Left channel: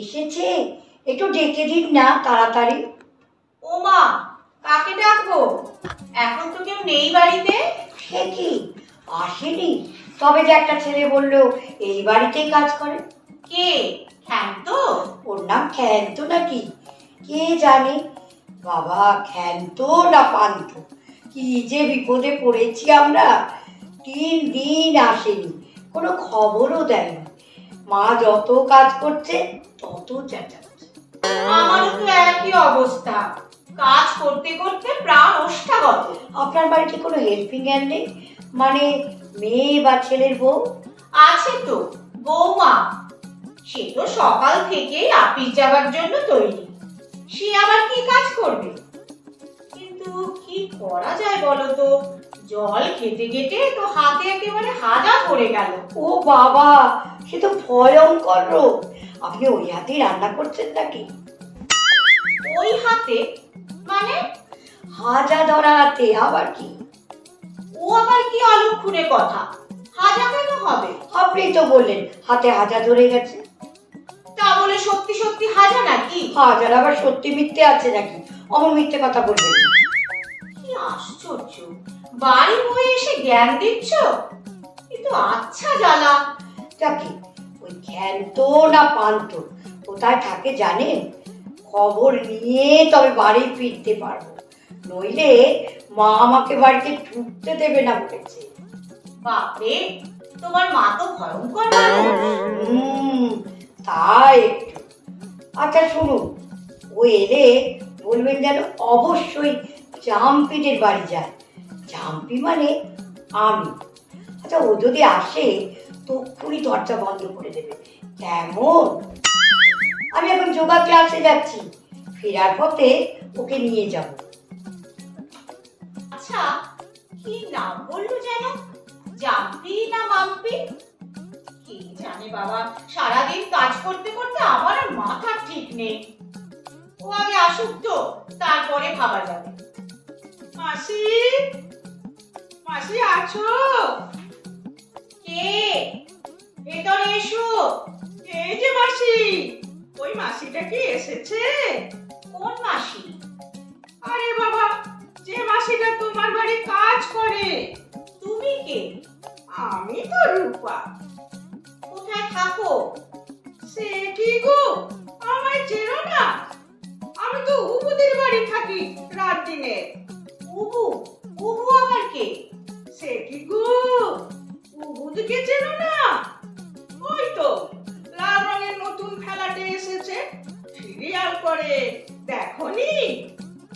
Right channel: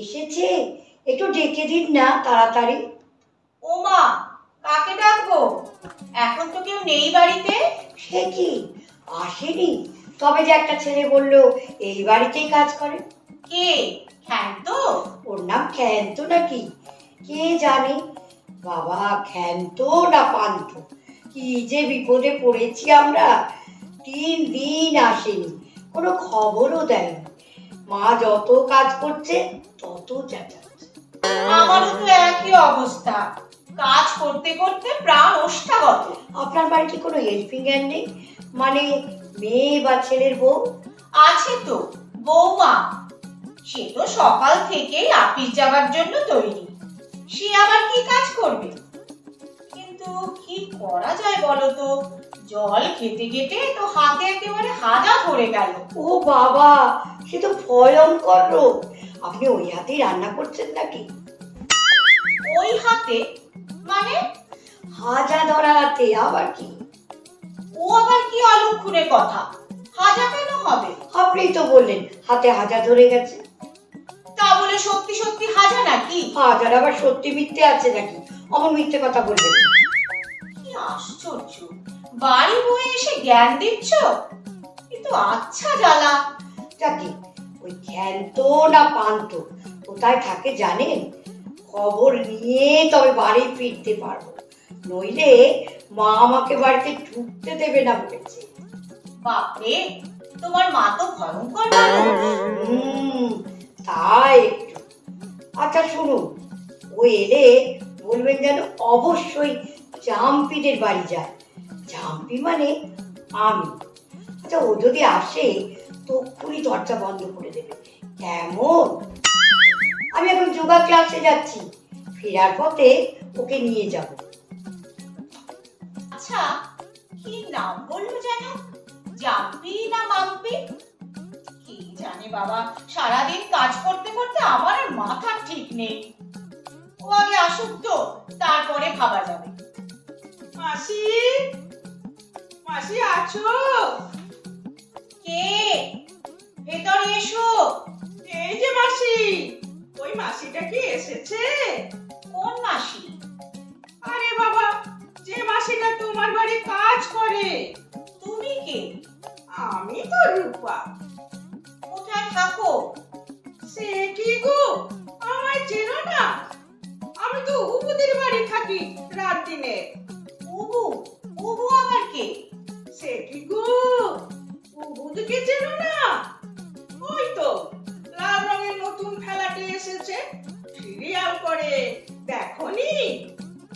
এসেছে, একটু ডেকে দিন না তাড়াতাড়ি। ও মা, কাকে ডাকবো? এখন তো কেউ নেই বাড়িতে। সে কি, আসেনি? তবে যে একটা ছেলে বললো এই বাড়িতেই কাজ করে। কে? ক্ষান্ত? ওর নাম ক্ষান্ত নাকি কে জানে বাবা। ক্ষান্ত না পান্ত, কি যে বিপদে পড়েছি আমরা। 3 দিন আসেনি, কোনো খবরও দেয়নি। মা যত কাজ করছে তত চেঁচাচ্ছে। আমারও তো একই অবস্থা, কাজ করতে করতে প্রাণ ওষ্ঠাগত। আপনার বাড়িতে কোনো হেল্পিং হ্যান্ড নেই? মানে মেয়ে বা ছেলের বউ? আছে তো, বৌমা। সে তো সকাল থেকেই আপিস যাবার জন্য তৈরি। সে আবার কি কাজ করবে? কিন্তু কি করা যায় বলো তো? জল খেতে খেতে তো হাতে একেবারে হাজা ধরে গেল। ও বাবা, সে তো ভয়ঙ্কর রোগ। আপনি ওই হাতেই রান্না করছেন নাকি? ওই হাতে মানে? হাজা ধরা হাতে। আবার কি? ও আবার কি অলক্ষণে কথা? হাজা কেন হবে? আপনিই তো বললেন হাতে হাজা ধরে গেছে। তা বলে সত্যি সত্যি হাজা নাকি? হাজার আবার সত্যি মিথ্যে আছে নাকি? অমন মিথ্যে কথা বলবেন। কি আশ্চর্য, বাড়ি বয়ে এসে জ্ঞান দিচ্ছ। কিন্তু আচ্ছা জ্বালা। যাকে ওই ক্ষান্ত না পান্ত কোথায় থাকে জানেন? খবর নিয়ে তবে বাড়ি ফিরতে পারবো, নইলে মা আমাকে বাড়িতে ঢুকতে দেবে না বলেছে। বাপরে, তোমার মা তো ভয়ঙ্কর। তাই একটু। আচ্ছা শুনুন, ও এলে বলবেন যেন অবশ্যই জাম্পিদের বাড়ি যায়। জাম্পি মানে আমি। আচ্ছা ও যদি আসে তক্ষুনি দরজা বন্ধ করে দেবে, কেমন? আমি এখন যোগা ক্লাসে যাচ্ছি, ফেরার পথে ওকে নিয়ে যাব। আচ্ছা, কি নাম বললো যেন? জাম্পি না মাম্পি? কি জানে বাবা, সারাদিন কাজ করতে করতে আমার আর মাথা ঠিক নেই। ও আগে আসুক তো, তারপরে ভাবা যাবে। মাসি, মাসি আছো? কে? ভেতরে এসো। এই যে মাসি। ওই মাসিটা কি এসেছে? কোন মাসি? আরে বাবা, যে মাসিটা তোমার বাড়ি কাজ করে। তুমি কে? আমি তো রূপা। কোথায় থাকো? সে কি গো, আমায় চেনো না? আমি তো উবুদের বাড়ি থাকি রাত দিনে। উবু? উবু আবার কে? সে কি গো, উবুদকে চেনো না? ওই তো লাল রঙের নতুন ফ্ল্যাটে এসেছে, সিরিয়াল করে, দেখোনি?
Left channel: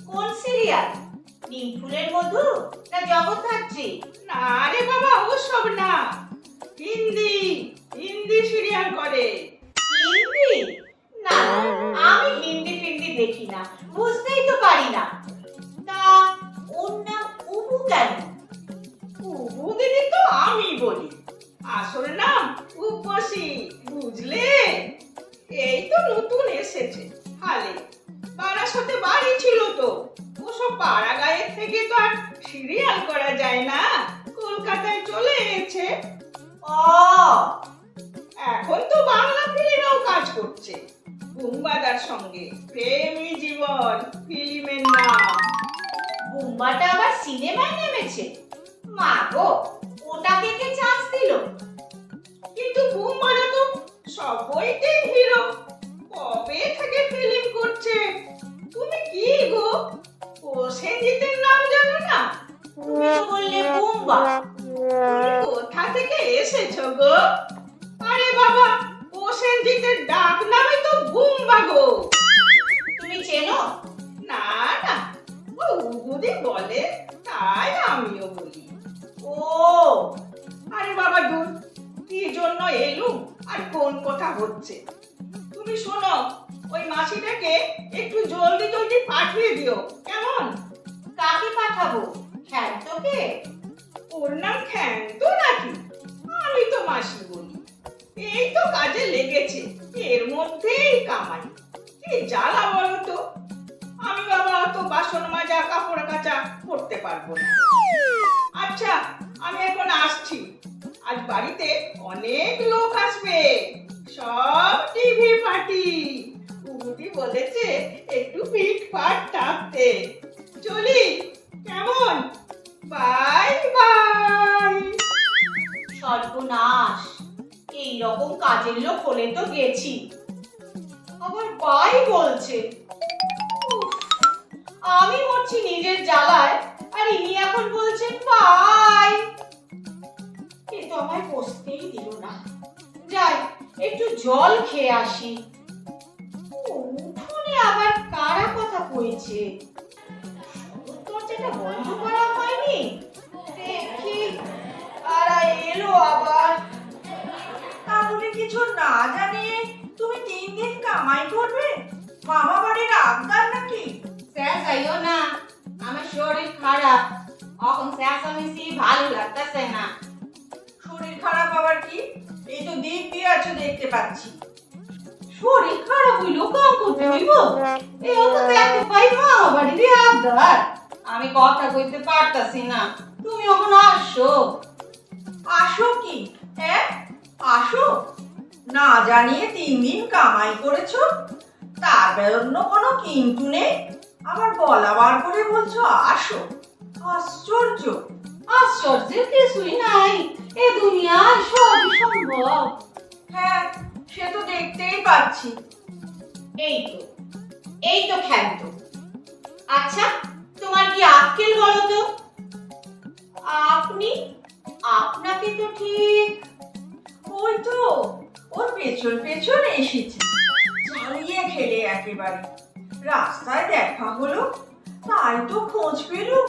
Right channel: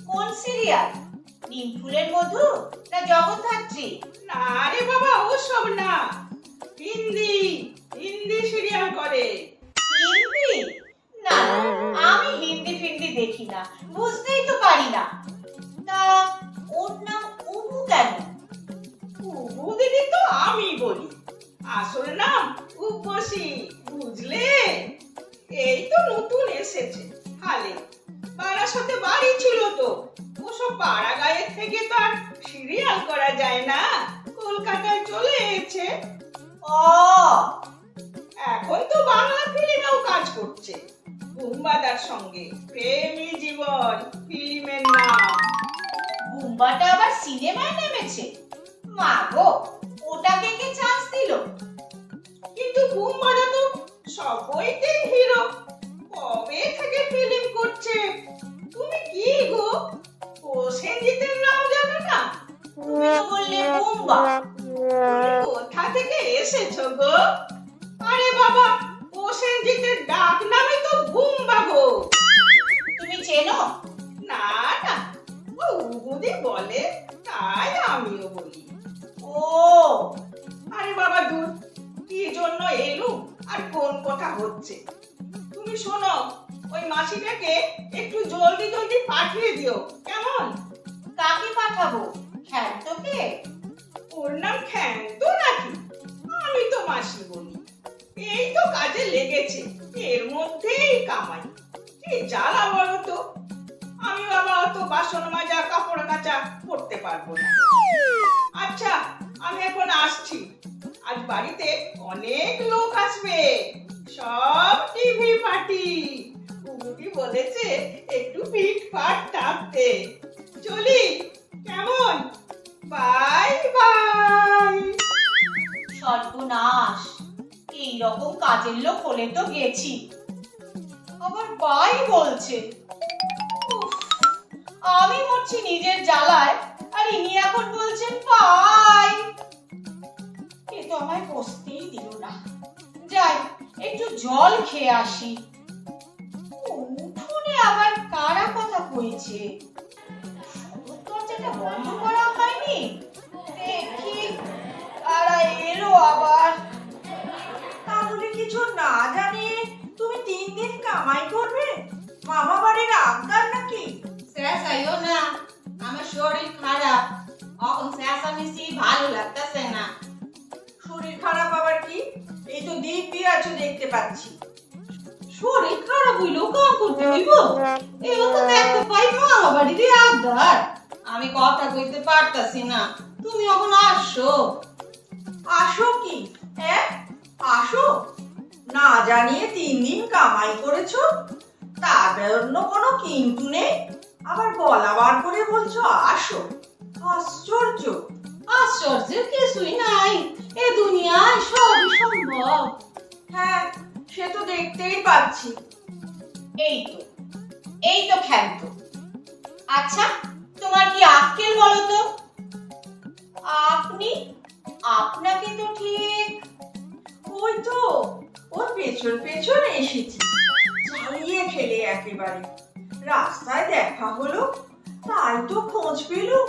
কোন সিরিয়াল? নিম ফুলের মধু না জগদ্ধাত্রী? না রে বাবা, ও সব না। হিন্দি, হিন্দি সিরিয়াল করে। হিন্দি? না, আমি হিন্দি ফিন্দি দেখি না, বুঝতেই তো পারি না। তা ওর নাম উবু কেন? উবু দিদি তো আমি বলি, আসল নাম উপসী, বুঝলে? এই তো নতুন এসেছে হালে, বারাসাতে বাড়ি ছিল তো। ওসব পাড়া গায়ের থেকে তো আর সিরিয়াল করা যায় না, কলকাতায় চলে এসেছে। ও, এখন তো বাংলা ফিল্মেও কাজ করছে, বুম্বাদার সঙ্গে। প্রেমী জীবন ফিল্মের নাম। বুম্বাটা আবার সিনেমায় নেমেছে? মা গো, ওটাকে কে চান্স দিল? কিন্তু বুম্বাদা তো সব বইতেই হিরো, কবে থেকে ফিল্ম করছে। তুমি কি গো, প্রসেনজিতের নাম জানো না? তুমি তো বললে বুম্বা। কোথা থেকে এসেছো গো? আরে বাবা, প্রসেনজিতের ডাক নামে তো বুম্বা গো। তুমি বৌদি বলে তাই আমিও বলি। ও আরে বাবা দূর, কি জন্য এলুম আর কোন কথা হচ্ছে। তুমি শোনো, ওই মাসিটাকে একটু জলদি জলদি পাঠিয়ে দিও, কেমন? কাকে পাঠাবো? খ্যান্তকে? ওর নাম খ্যান্ত নাকি? আমি তো মাসি বলি। এই তো কাজে লেগেছে, এর মধ্যেই কামাই। এই জ্বালা বলো তো, আমি বাবা অত বাসন মাজা কাপড় কাচা করতে পারবো না। আচ্ছা, আমি এখন আসছি। আজ বাড়িতে অনেক লোক আসবে, সব টিভি পার্টি। কুমুদি বলেছে একটু পিঠ পাট টাপতে। চলি, কেমন? Bye bye. সর্বনাশ, এইরকম কাজের লোক হলে তো গেছি, আবার বাই বলছে। উফ, আমি মরছি নিজের জ্বালায়, আর ইনি এখন বলছেন বাই। এ তো আমায় বসতেই দিল না। যাই, একটু জল খেয়ে আসি। উঠোনে আবার কারা কথা কইছে? দরজাটা বন্ধ করা হয়নি। দেখি কারা এলো আবার। তাহলে কিছু না জানিয়ে তুমি 3 দিন কামাই করবে? মামা বাড়ির আবদার নাকি? চেঁচাইও না, আমার শরীর খারাপ, এখন চেঁচামেচি ভালো লাগতেছে না। শরীর খারাপ আবার কি? এই তো দিব্যি আছো দেখতে পাচ্ছি। শরীর খারাপ হইলেও কাম করতে দিব? এই তো দেখতে পাই মামা বাড়িতে আবদার। আমি কথা কইতে পারতাছি না, তুমি এখন আসো। আসো কি? হ্যাঁ আসো। না জানিয়ে 3 দিন কামাই করেছো, তার জন্য কোনো কিন্তু নেই, আবার গলা বার করে বলছো আসো। আশ্চর্য। আশ্চর্যের কিছুই নাই, এ দুনিয়ায় সবই সম্ভব। হ্যাঁ, সে তো দেখতেই পাচ্ছি। এই তো খ্যান্ত। আচ্ছা, তোমার কি আক্কেল বলো তো? আপনি, আপনাকে তো ঠিক ওই তো ওর পেছন পেছন এসেছি, ঝালিয়ে খেলে একেবারে। রাস্তায় দেখা হলো, তাই তো খোঁজ পেলুম।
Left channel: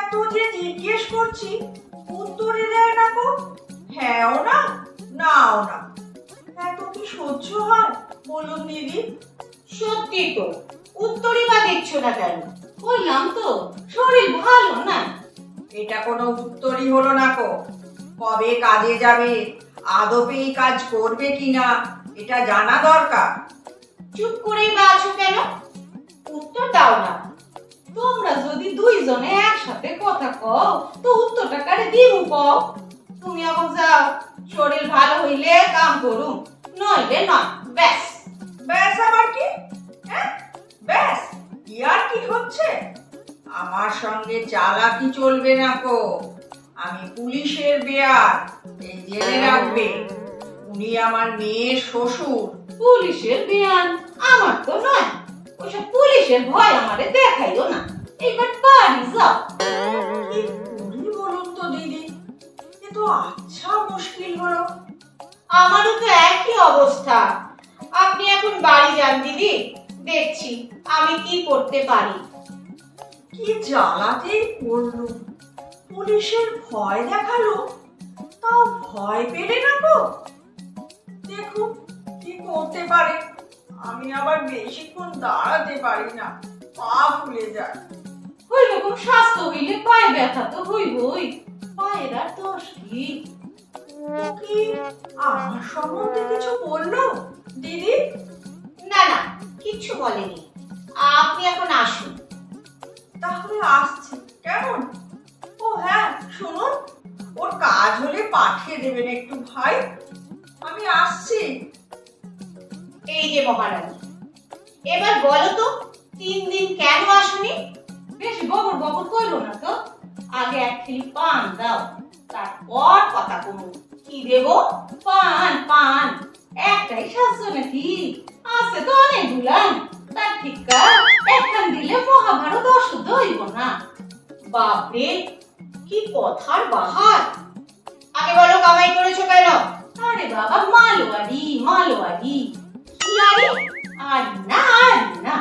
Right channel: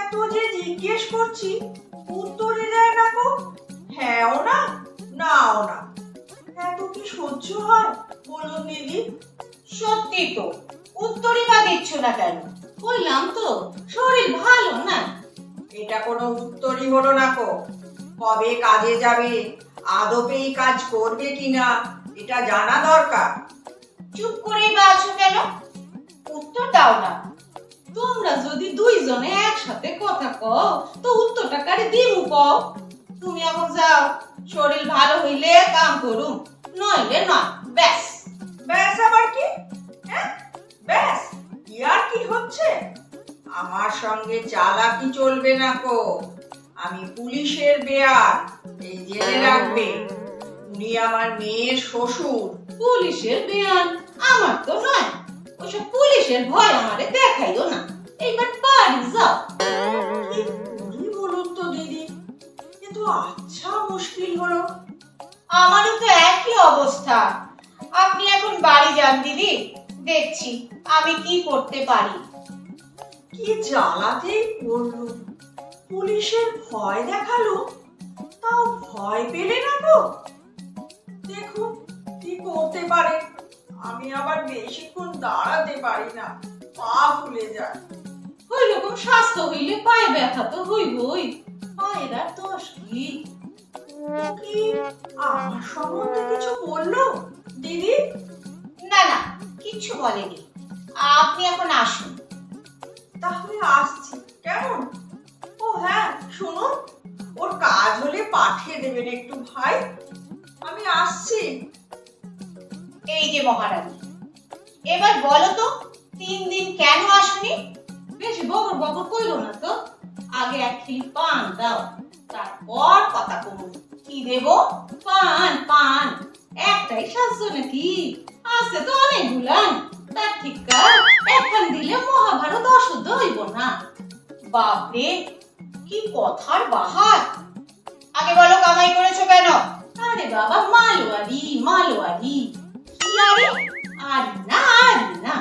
এত যে জিজ্ঞেস করছি, উত্তরে দেয় না গো। হ্যাঁও না, নাও না। এত কি সহ্য হয় বলুন দিদি? সত্যি তো, উত্তরই বা দিচ্ছ না কেন? বললাম তো শরীর ভালো না। এটা কোনো উত্তরই হলো না গো। কবে কাজে যাবে, আদপেই কাজ করবে কিনা, এটা জানা দরকার। চুপ করেই বা আছো কেন? উত্তর দাও না। তোমরা যদি দুইজনে একসাথে কথা কও তো উত্তরটা কারে দিমু কও? তুমি এখন যাও, শরীর ভালো হইলে কাম করুম, নইলে না। ব্যাস। ব্যাস আবার কি? হ্যাঁ ব্যাস, কি আর কি হচ্ছে? আমার সঙ্গে চালাকি চলবে না গো। আমি পুলিশের বেয়ার, এই জেনে রাখবে। উনি আমার মেয়ের শ্বশুর। পুলিশের বিয়ান? আমার তো নয়। ওসব পুলিশের ভয় আমারে দেখাইও না। এইবার বাড়ি যাও। কি করি বলুন তো দিদি? এ তো আচ্ছা মুশকিল হলো। আমারও তো একই অবস্থা। আপনি এখন বাড়ি যান দিদি, দেখছি আমি কি করতে পারি। কি জ্বালাতেই পড়লো। পুলিশের ভয় দেখালো, তাও ভয় পেলে না গো। দেখুন কি করতে পারে। আমি আবার বেশিক্ষণ দাঁড়াতে পারি না, পা ফুলে যায়। ওই রকম স্বাস্থ্য হইলে পায়ে ব্যথা তো হইবই। পায়ের আর দোষ কি? কি আমার সম্বন্ধে কিছু বললো দিদি? না না, কিচ্ছু বলেনি। আপনি এখন আসুন। তাহলে আসছি, কেমন? ও হ্যাঁ শুনুন, ওর কাজ হলে পাঠিয়ে দেবেন একটু ভাই। আমি আসছি। এই যে মহারানী, এবার বলো তো 3 দিন কেন আসনি? বেশি বকর বকর কইরো না তো। আগে এক খিল পান দাও, তারপর কথা কমু। কি দেব? পান পান। একটাই শাস্ত্র নাকি? আছে তো অনেকগুলান। তার ঠিকা একখান দিলে মহাভারত অশুদ্ধ হইব না। বাপরে, কি কথার বাহার! আগে বলো কামাই করেছো কেন? আরে বাবা, মালোয়ারি মালোয়ারি। কি আরে? আরে না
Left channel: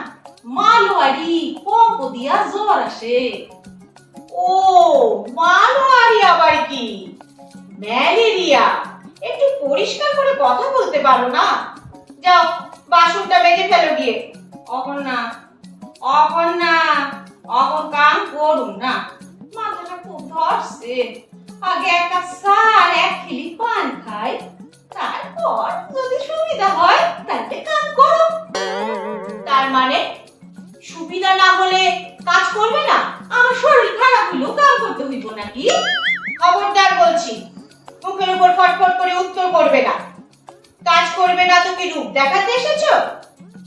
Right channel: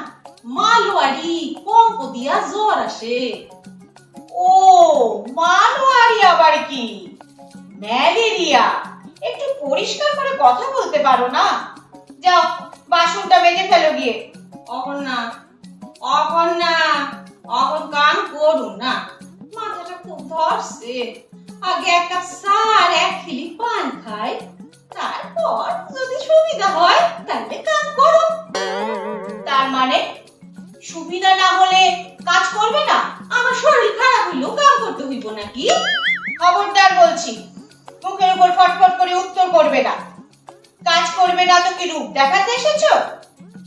মালোয়ারি, পম্পতি দিয়া জ্বর আসে। ও মানোয়ারি আবার কি? ম্যালেরিয়া? একটু পরিষ্কার করে কথা বলতে পারো না? যাও বাসনটা মেজে ফেলো গিয়ে। অখন না, অখন না, অখন কাম করুন না, মাথাটা খুব ধরছে। আগে এক কাপ চা আর 1 খিলি পান খাই, তারপর যদি সুবিধা হয় তাহলে কাম করো। তার মানে সুবিধা না হলে কাজ করবে না? আমার শরীর খারাপ হইলেও কাম করতে হইব নাকি? খবরদার বলছি, মুখের উপর ফটফট করে উত্তর করবে না। কাজ করবে না তো কি রূপ দেখাতে এসেছো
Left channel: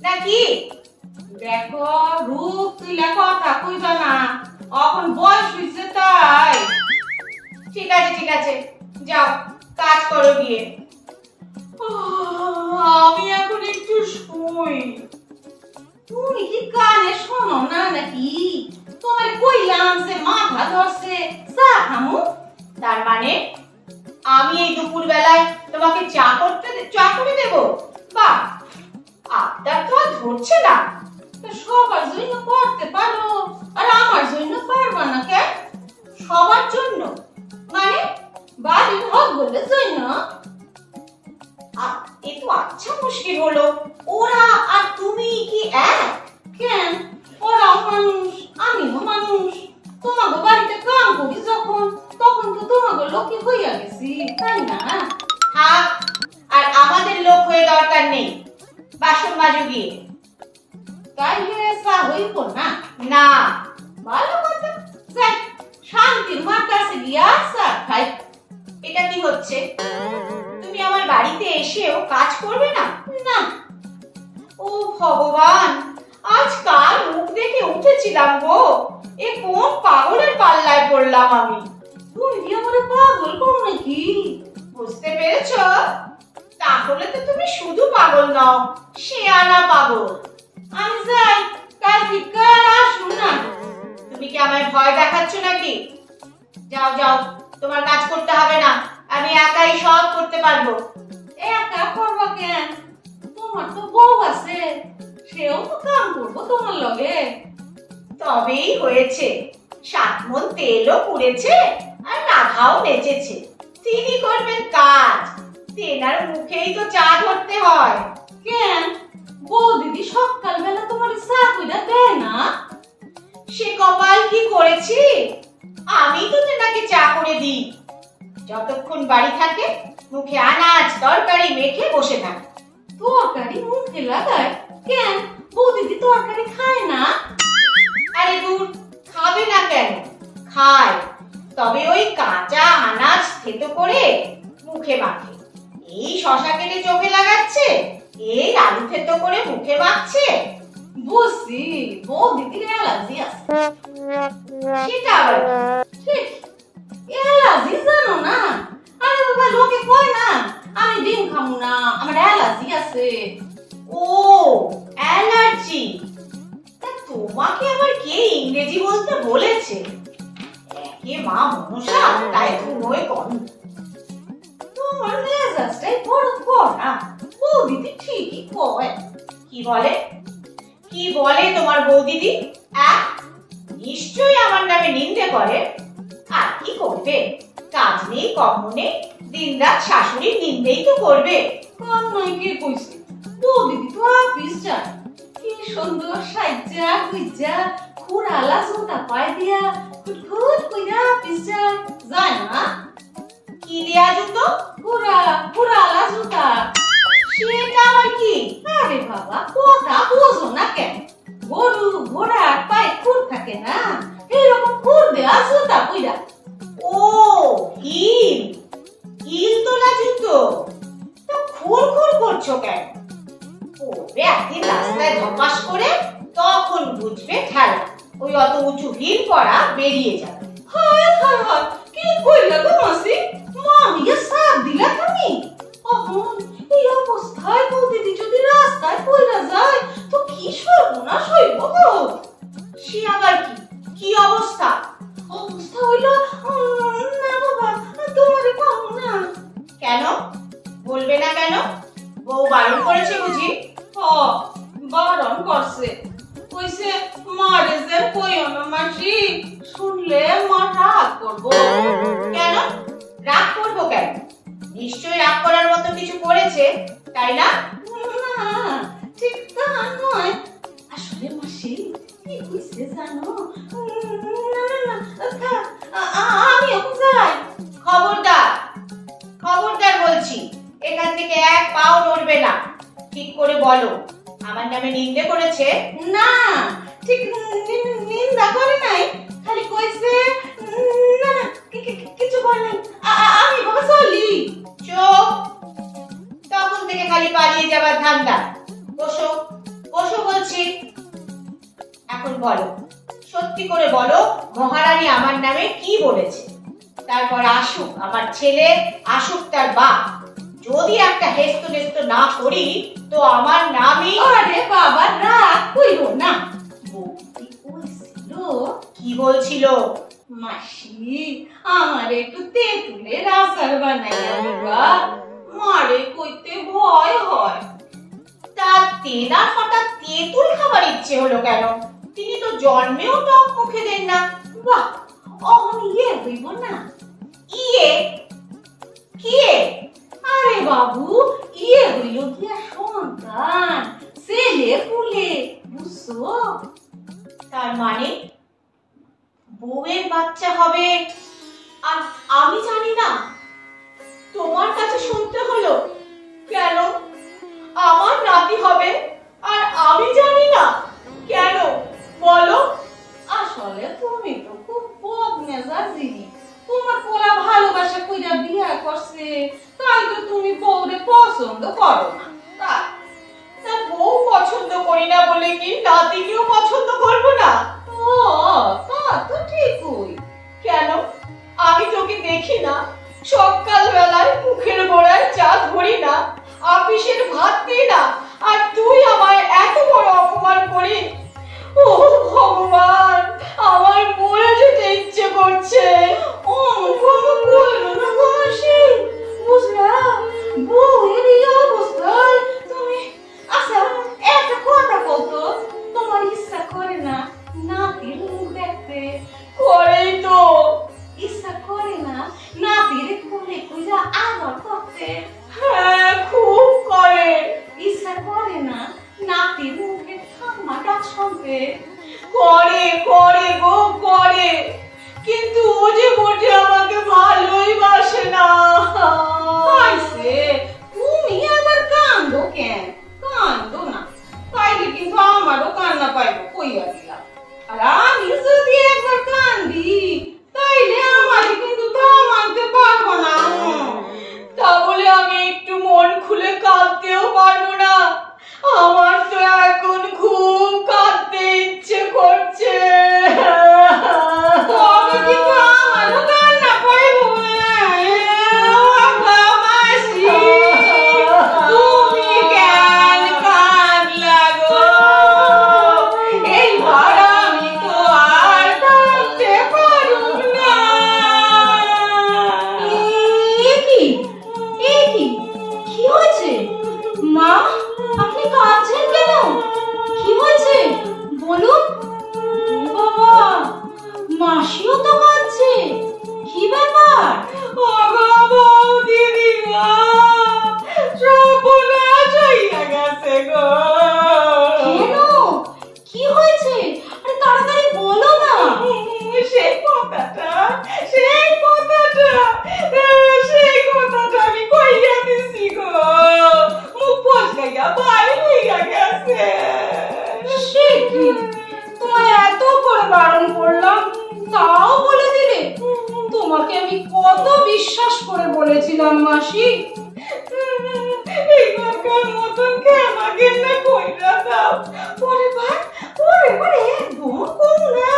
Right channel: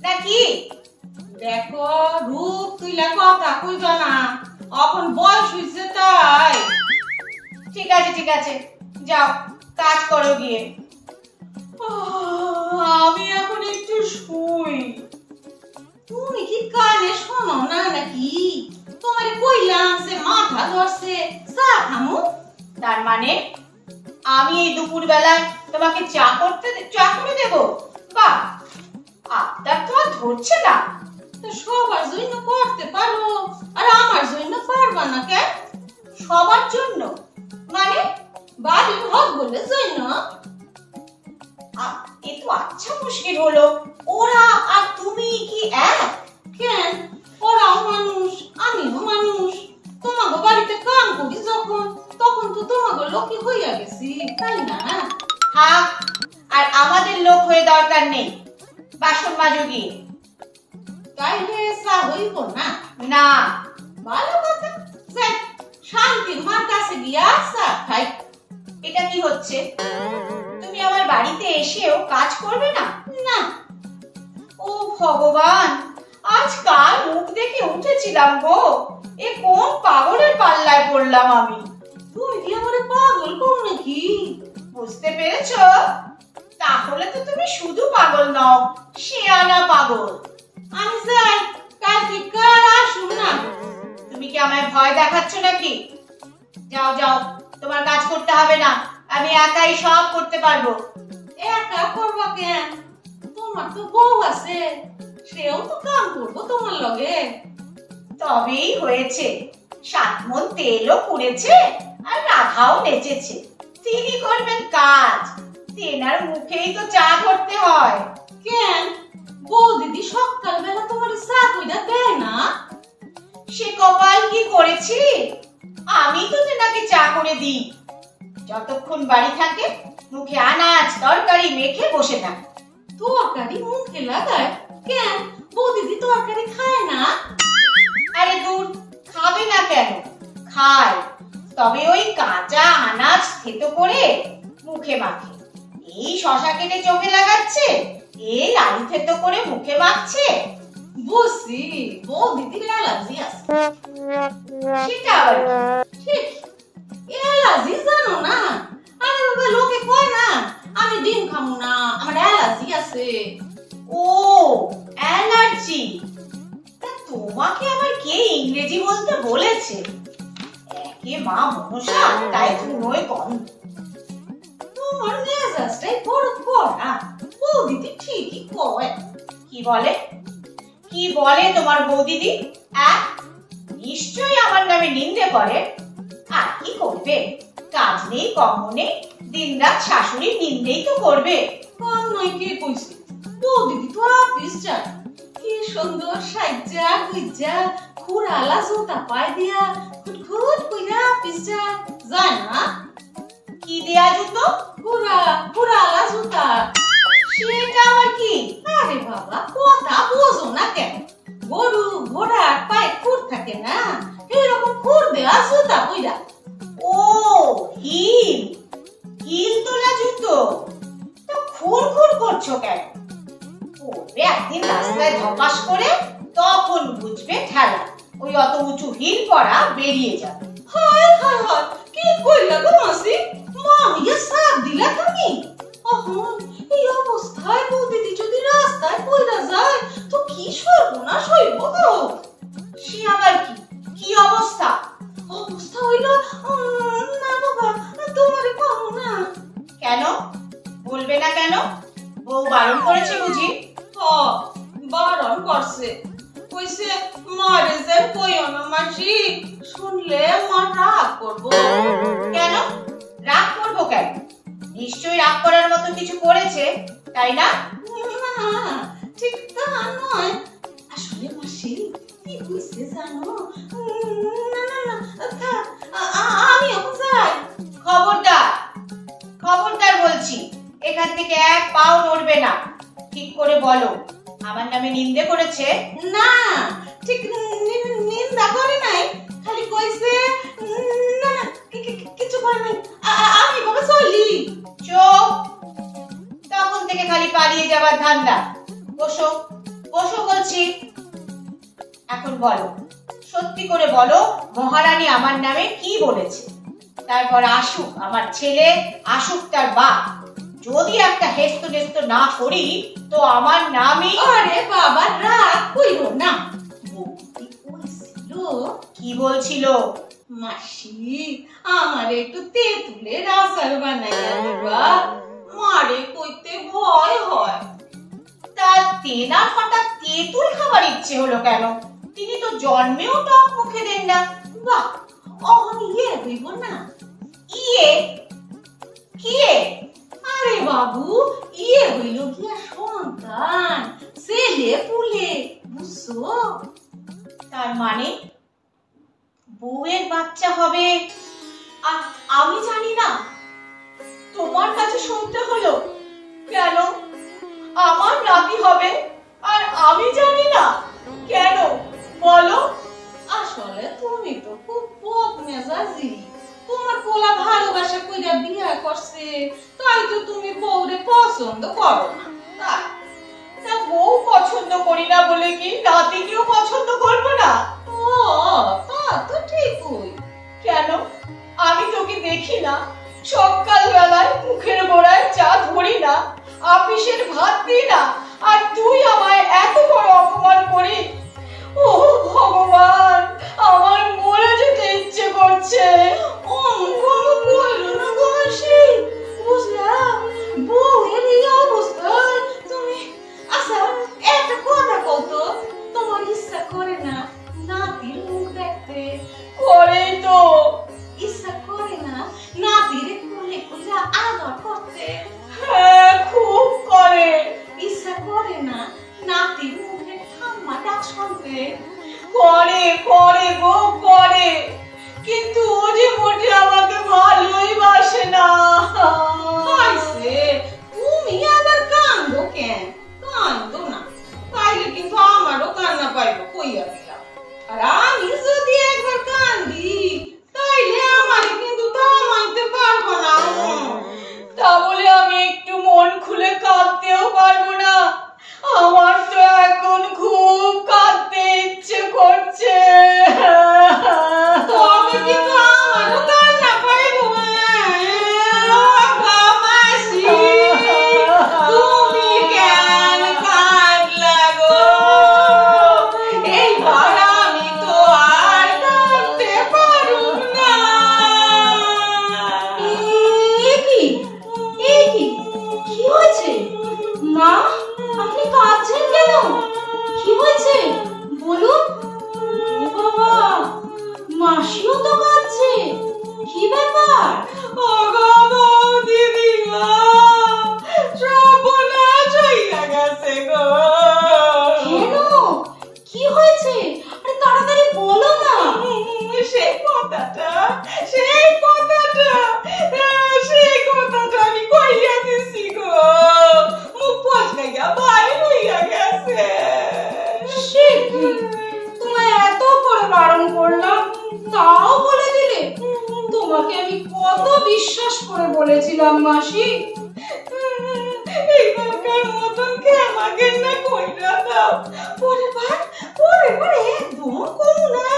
নাকি? দেখো, রূপ তুইলা কথা কইবা না, এখন বয়স হইছে তাই। ঠিক আছে ঠিক আছে, যাও কাজ করো গিয়ে। আমি এখন একটু শুই। তুমি কি কানে শোনো না নাকি? তোমার কইলাম যে মাথা ধরছে, চা খামু। তার মানে আমি এই দুপুর বেলায় তোমাকে চা করে দেবো? বাহ, আপনার তো আর ধরছে না। তো সবার জন্য করতে পারো, আর আমার জন্য পারবা না কেন? সবার জন্য মানে? বাড়ির হক বলে জন্য। এ তো আচ্ছা মুশকিল হলো। ওরা আর তুমি কি এক? কেন? ওরাও মানুষ, আমিও মানুষ। তোমাকে বাড়িতে কাম করি যখন, তখন তো তোমাকে লোকে হইয়া গেছি, তাই না? থাক, আর আমাদের লোক হয়ে দরকার নেই। বাসন মাজো গিয়ে। তাইলে চা হইব না? না। ভালো কথা, যাক, শান্তির মার কাছে গিয়া চা খাই। এটা কি হচ্ছে? তুমি আমার বাড়িতে এসেও কাজ করবে না? না। ও ভগবান, আজ কাল মুখ দেখে উঠেছিলাম গো। এ কোন পাগলের পাল্লায় পড়লাম আমি? তুমি কি আমারে পাগল কর নাকি? বুঝতে পেরেছো? তাহলে তো তুমি শুধু পাগল নও, শেয়ানা পাগল। আমি যাই, কালকে কার আসুন না। তুমি কি আমায় ভয় দেখাচ্ছ নাকি? যাও যাও, তোমার কাজ করতে হবে না, আমি একাই সব করতে পারবো। একা করবা কেন? তোমার তো বউ আছে, সেও তো কাম করবো তোমার লগে। তবেই হয়েছে, 7 মণ তেলও পুড়েছে আর রাধাও নেচেছে। তিনি করবেন কাজ, তেনার মুখেই তো চা ধরতে হয়। কেন? বউ দিদি সকালবেলা তোমার চা কইরা দেয় না? সে কপাল কি করেছি, আমি তো তেনাকে চা করে দিই। যতক্ষণ বাড়ি থাকে মুখে আনাজ তরকারি মেখে বসে থাকে। তরকারি মুখে লাগায়? কেন? বউ দিদি তরকারি খায় না? আরে দূর, খাবে না কেন? খায়, তবে ওই কাঁচা আনাজ থেতো করে মুখে মাখে। এই শশা কেটে চোখে লাগাচ্ছে, এই আলু থেতো করে মুখে মাখছে। বুঝছি, বউ দিদির অ্যালার্জি আছে। সেটা আবার ঠিক, অ্যালার্জি জানো না? আরে বাবা, লোকে কয় না আমি ডিম খামু না, আমার অ্যালার্জি আছে। ও অ্যালার্জি। তা তোমাকে আবার কে ইংরেজি বলতে বলেছে? একে মা মনসা, তাই ধুনোয় গন্ধ। তোমার মেজাজটাই বড় কড়া, বউ দিদি ঠিকই কয়। কি বলে? কি বলে তোমার বৌদিদি? নিশ্চয়ই আমার নামে নিন্দে করে। আর কি করবে, কাজ নেই কর্ম নেই, দিনরাত শাশুড়ির নিন্দেই তো করবে। কাম নয় কে কইছে? বউ দিদি তো অফিস যায়, কি সুন্দর সাজ্জা গুজ্জা খুড়ালা জুতা পায় দিয়া খুটখুট কইরা অফিস যায়, যায় না? কি দেয়া জুতো? খুড়ালা জুতা। সেটা আবার কি? আরে বাবা, কথা বোঝো না কেন? গরু ঘোড়ার পায়ে খুর থাকে না, এইরকম খুর দেয়া জুতা কইরা। ও হিল তোলা জুতো। তো খুর খুর করছো কেন? পড়বে একদিন রাস্তায় ধপাস করে, তখন বুঝবে ঠেলা। ওই অত উঁচু হিল পরা বেরিয়ে যাবে। হায় হায় হায়, কি কইলা গো মাসি? মামিয়া সাপ দিলা তুমি? অহন এই অবস্থায় বউ দিদি যদি রাস্তায় পইরা যায় তো কি সর্বনাশ হইব গো। সে আবার কি? কি অবস্থা? অবস্থা হইল, না বাবা, তোমারে পাবো না। কেন বলবে না কেন? বউ বারণ করেছে বুঝি? বারণ করছে, কইছে মারে যে কইও না মাসি, শুনলে মা রাগ করবো। কেন রাগ করবো কেন? নিশ্চয়ই রাগ করার মতো কিছু করেছে, তাই না? না, ঠিক তা নয়। আসলে মাসি কি কইছে জানো? না, থাক, আমি এখন যাই। খবরদার, খবরদার বলছি, এখান থেকে এক পাও নড়বে না। ঠিক করে বলো, আমার নামে নিন্দে করেছে? না, ঠিক নিন্দা করে নাই, খালি কইছে না না কিছু করে নাই। আমি বাবা চলি। চুপ! তখন থেকে খালি পালিয়ে যাবার ধান্দা। বসো, বসো বলছি। এখন বলো, সত্যি করে বলো, মহারানী আমার নামে কি বলেছে। তারপর আসুক আমার ছেলে, আসুক তার বাপ। যদি একটা হেস্ত নেস্ত না করি তো আমার নামই। আরে বাবা রাগ কইরো না। বৌদি কইছিল। কি বলছিল? মাসি আমার একটু তেঁতুলের আচার বানাইয়া দিবা, মারে কইতে ভয় হয়। তার তেনা ফাটা তেঁতুল খাবার ইচ্ছে হলো কেন? তিনি তো জন্মেও টক মুখে দেন না। বাহ, অহন ইয়ে হইব না। ইয়ে? কিয়ে? আরে বাবু, ইয়ে হইল গিয়া সন্তান, ছেলে পুলে, বুঝছো? তার মানে বউয়ের বাচ্চা হবে আর আমি জানি না? তোমার কাছে শুনতে হলো কেন? আমার নাতি হবে আর আমি জানি না কেন? বলো। আসলে তুমি তো খুব বদমেজাজি। তোমার পোলা ভালোবাসা কইরা বিয়া করছে, তাই তো তুমি বউরে পছন্দ করো না। তাই? তা বউ পছন্দ করি না বলে কি নাতিকেও পছন্দ করবো না? ও, তা তো ঠিকই। কেন? আমি তোকে দেখি না? সকাল বেলায় মুখের গোড়ায় চা ধরি না, আপিসের ভাত দিই না, আর তুই আমায় এত বড় অপমান করি? ও ভগবান, আমার মরে যেতে ইচ্ছে করছে। অঙ্কন কইলো না গো মাসি, বুঝলা? বউয়ের এই অবস্থায় তুমি, আচ্ছা একটা কথা কও তো, তোমার ইচ্ছা করে না নাতির মুখ দেখতে? করেই তো। ইচ্ছা করে না নাতির কোলে কইরা আদর করতে? হ্যাঁ, খুব করে। ইচ্ছা করে না নাতির মুখে ঠাম্মা ডাক শুনতে? করে করে গো করে, কিন্তু ও যে মোটে আমাকে ভালোই বাসে না। হইছে, তুমি আবার কান্দো কেন? কান্দো না, তাইলে কিন্তু আমারও কান্না পাইব কইয়া দিলাম। আর আমি যদি একবার কান্দি তাইলে আমারে কিন্তু থামাইতে পারবো না। তা বলে আমি একটু মন খুলে কাঁদতেও পারবো না? আমার তো এখন খুব কাঁদতে ইচ্ছে করছে। তবে কিন্তু আমারও কান্না পাইব। মাসি, তুমি কেন কাঁদলা গো? এইবার আমি তো আর কাঁদতে পারুম না। কি হয়েছে মা? আপনি কাঁদছেন কেন? কি হয়েছে বলুন। ও বাবা, মাসিও তো কাঁদছে, কি ব্যাপার? ওগো বৌদিদি গো, সর্বনাশ হইয়া গেছে গো। কেন? কি হয়েছে? আরে তাড়াতাড়ি বলো না। সেই কথাটা আমি কইয়া দিছি গো। মুখ ফসলে গিয়া বাইরে হইয়া গেছে। সে কি, তোমায় এত করে বারণ করলাম তাও বলে দিলে? তোমাকে আমি কত বিশ্বাস করে বলেছিলাম মাসি। এবারকার মতন আমাকে না কইরা দাও। পরে একদম কম না,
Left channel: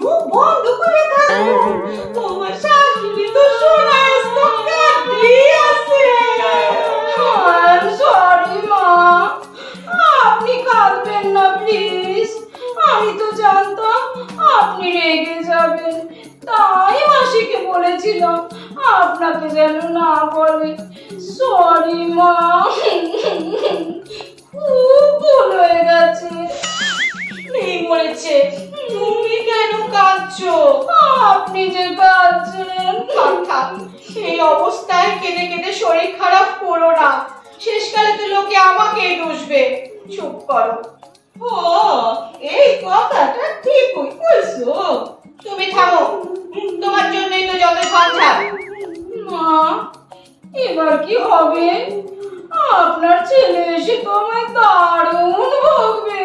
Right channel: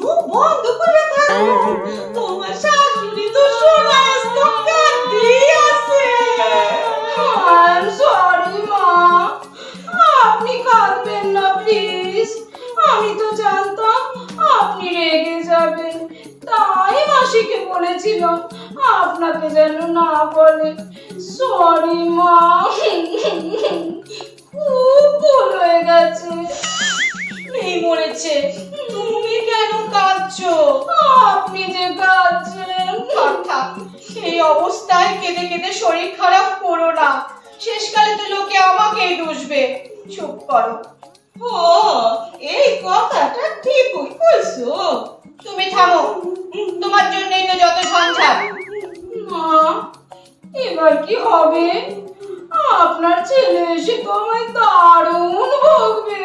মুখ বন্ধ করে থাকো। তোমার শাশুড়ি তো সোনা স্তূপ কাঁদিয়ে আছে। I'm sorry মা, আপনি কাঁদবেন না প্লিজ। আমি তো জানতাম আপনি রেগে যাবেন, তাই মাসিকে বলেছিলাম আপনাকে যেন না বলে। সরি মা, খুব ভুল হয়ে গেছে। মেয়ে মরেছে, তুমি কেন কাঁদছো? আপনি যে কাঁদছেন। থাক থাক, এই অবস্থায় কেঁদে কেঁদে শরীর খারাপ করো না, শেষকালে তো লোকে আমাকেই দোষবে। চুপ করো। ও, এই কথাটা ঠিকই বলছো। তুমি থামো, তোমার জন্যই তো যত ঝঞ্ঝাট। মা, এবার কি হবে? আপনার ছেলে এসে তো আমায় দারুণ বকবে।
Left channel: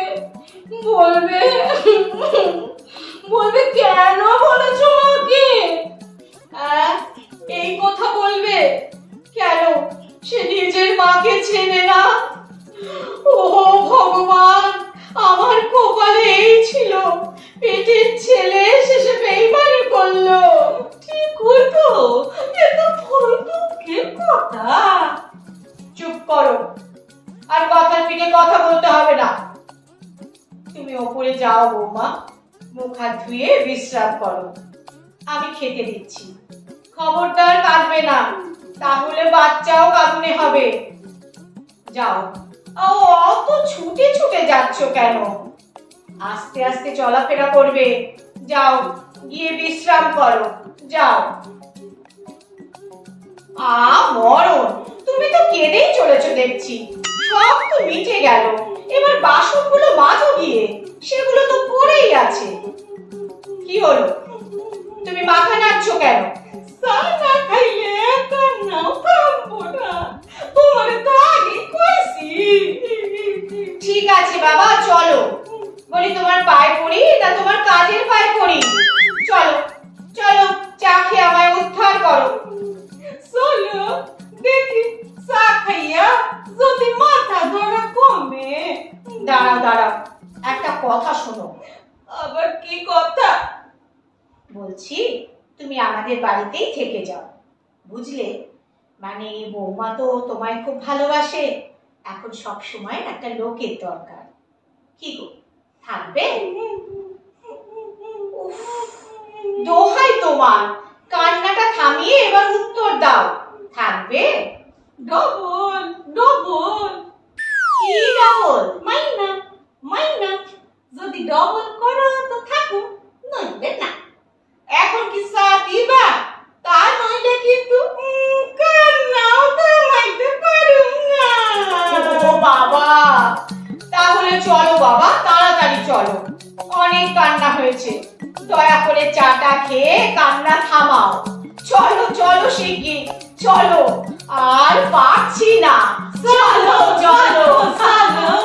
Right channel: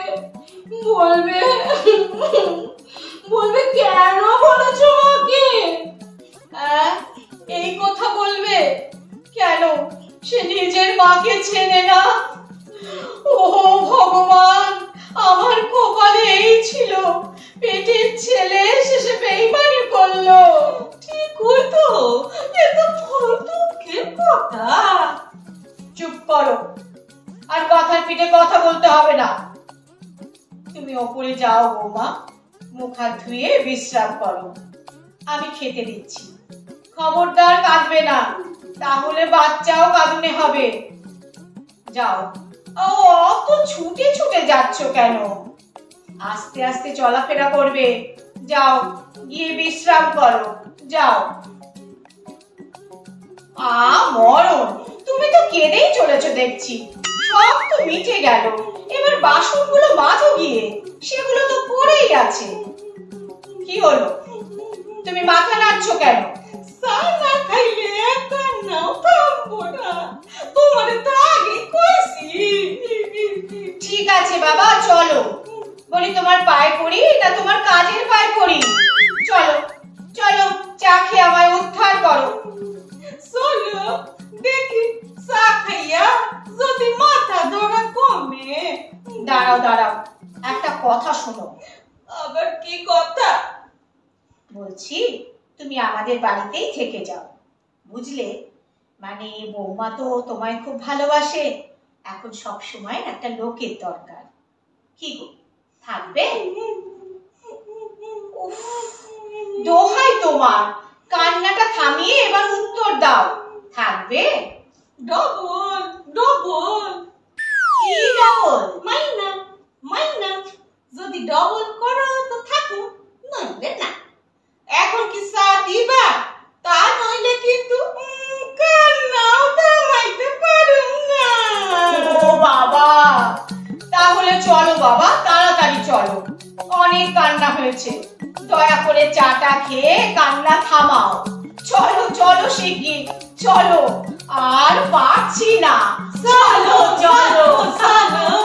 বলবে বলবে কেন বলেছো মাকে? এই কথা বলবে কেন? সে নিজের মাকে চেনে না। ও ভগবান, আমার কপালে এই ছিল, পেটের ছেলে শেষে বেইমানি করলো। ঠিক হতো, এ তো বড় দুঃখের কথা। চুপ করো, আর কথার পিঠে কথা বলতে হবে না। তুমি ওপরে যাও বৌমা, মুখ হাত ধুয়ে বিশ্রাম করো, আমি খেতে দিচ্ছি। খবরদার কাঁদবে না, তাহলে বাচ্চাও কাঁদনে হবে। যাও। ও, অত ছুটে ছুটে যাচ্ছ কেন? আস্তে আস্তে চলাফেরা করবে। যাও, গিয়ে বিশ্রাম করো, যাও। মরণ, তুমি তো কেঁদেই চলেছো দেখছি। সব তো মিটে গেল, এবার বাসনগুলো মাজো গিয়ে, সেগুলো তো পড়েই আছে। কি হলো, তুমি মাথা নাড়ছো কেন? চা না খাইলে কান্নাও থামবো না, তোমার তো আগে কইছি। ঠিক আছে বাবা, চলো। বলি তোমার পায়ে পড়ি না তোমার কাজের পায়ে পড়ি? চলো চলো, চা খেয়ে আমায় উদ্ধার করো। চলো দেখি, চা খাইয়া যদি মাথা ধরা কমে। দাঁড়াও দাঁড়াও, একটা কথা শোনো। আবার কি কথা? বলছি, তুমি আমাদের বাড়িতেই থেকে যাও, বুঝলে? মানে বৌমা তো তোমায় খুব ভালোবাসে, এখন সব সময় একটা লোকের দরকার। কি গো, থাকবে? উফ, দোহাই তোমার, কান্নাটা থামিয়ে এবার উত্তর দাও, থাকবে? Double double. কি ডবল? মাইনা মাইনা, যদি ডবল করো তো থাকো, নইলে না। এখন কি চা দিবা? তা নইলে কিন্তু কান্নাও থামাইতে পারুম না। ও বাবা, তাহলে চলো বাবা, তাড়াতাড়ি চলো, অনেক কান্না হয়েছে, দয়া করে চাটা খেয়ে কান্না থামাও। চলো চলো শিগগির, চলো, আর পারছি না। চলো চলো চলো